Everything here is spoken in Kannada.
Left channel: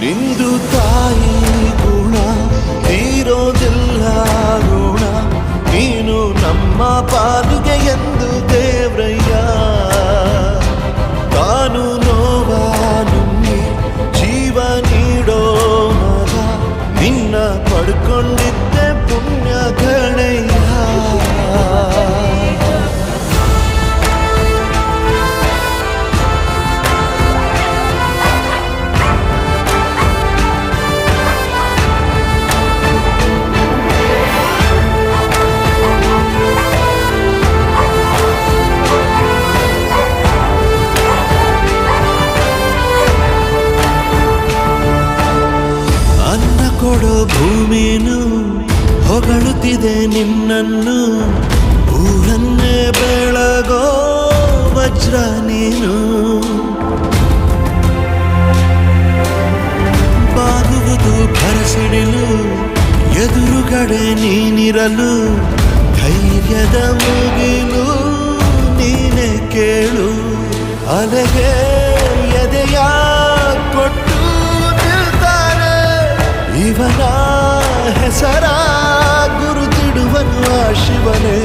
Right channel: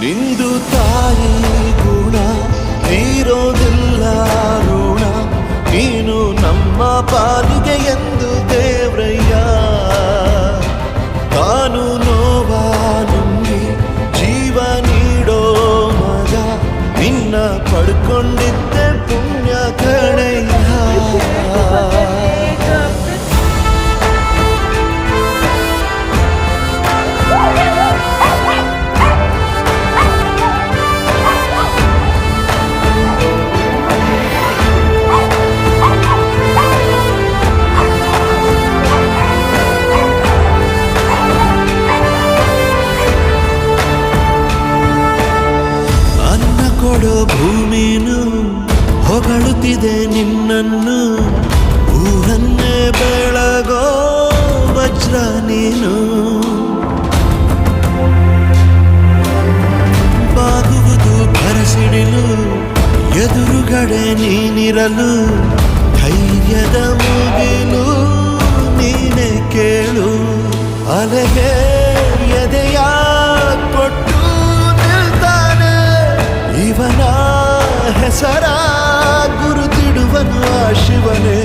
ನಿಂದು ತಾಯಿ ಗುಣ ತೀರೋದಿಲ್ಲ ಋಣ, ನೀನು ನಮ್ಮ ಪಾಲಿಗೆ ಎಂದು ದೇವ್ರಯ್ಯ. ತಾನು ನೋವ ನುಂಗಿ ಜೀವ ನೀಡೋ ಮಗ, ನಿನ್ನ ಪಡ್ಕೊಂಡಿದ್ದೆ ಪುಣ್ಯ ಗಣಯ್ಯ. ಅನ್ನ ಕೊಡೋ ಭೂಮಿನು ಹೊಗಳುತ್ತಿದೆ ನಿನ್ನನ್ನು, ಊರನ್ನೇ ಬೆಳಗೋ ವಜ್ರ ನೀನು. ಬಾಗುವುದು ಭರಸಿಡಿಲು ಎದುರುಗಡೆ ನೀನಿರಲು, ಧೈರ್ಯದ ಮುಗಿಲು ನೀನೆ ಕೇಳು. ಅಲೆಗೆ ಎದೆಯ ಕೊಟ್ಟು ಇವನ ಹೆಸರ ಗುರುತಿಡುವನು ಆ ಶಿವನೇ.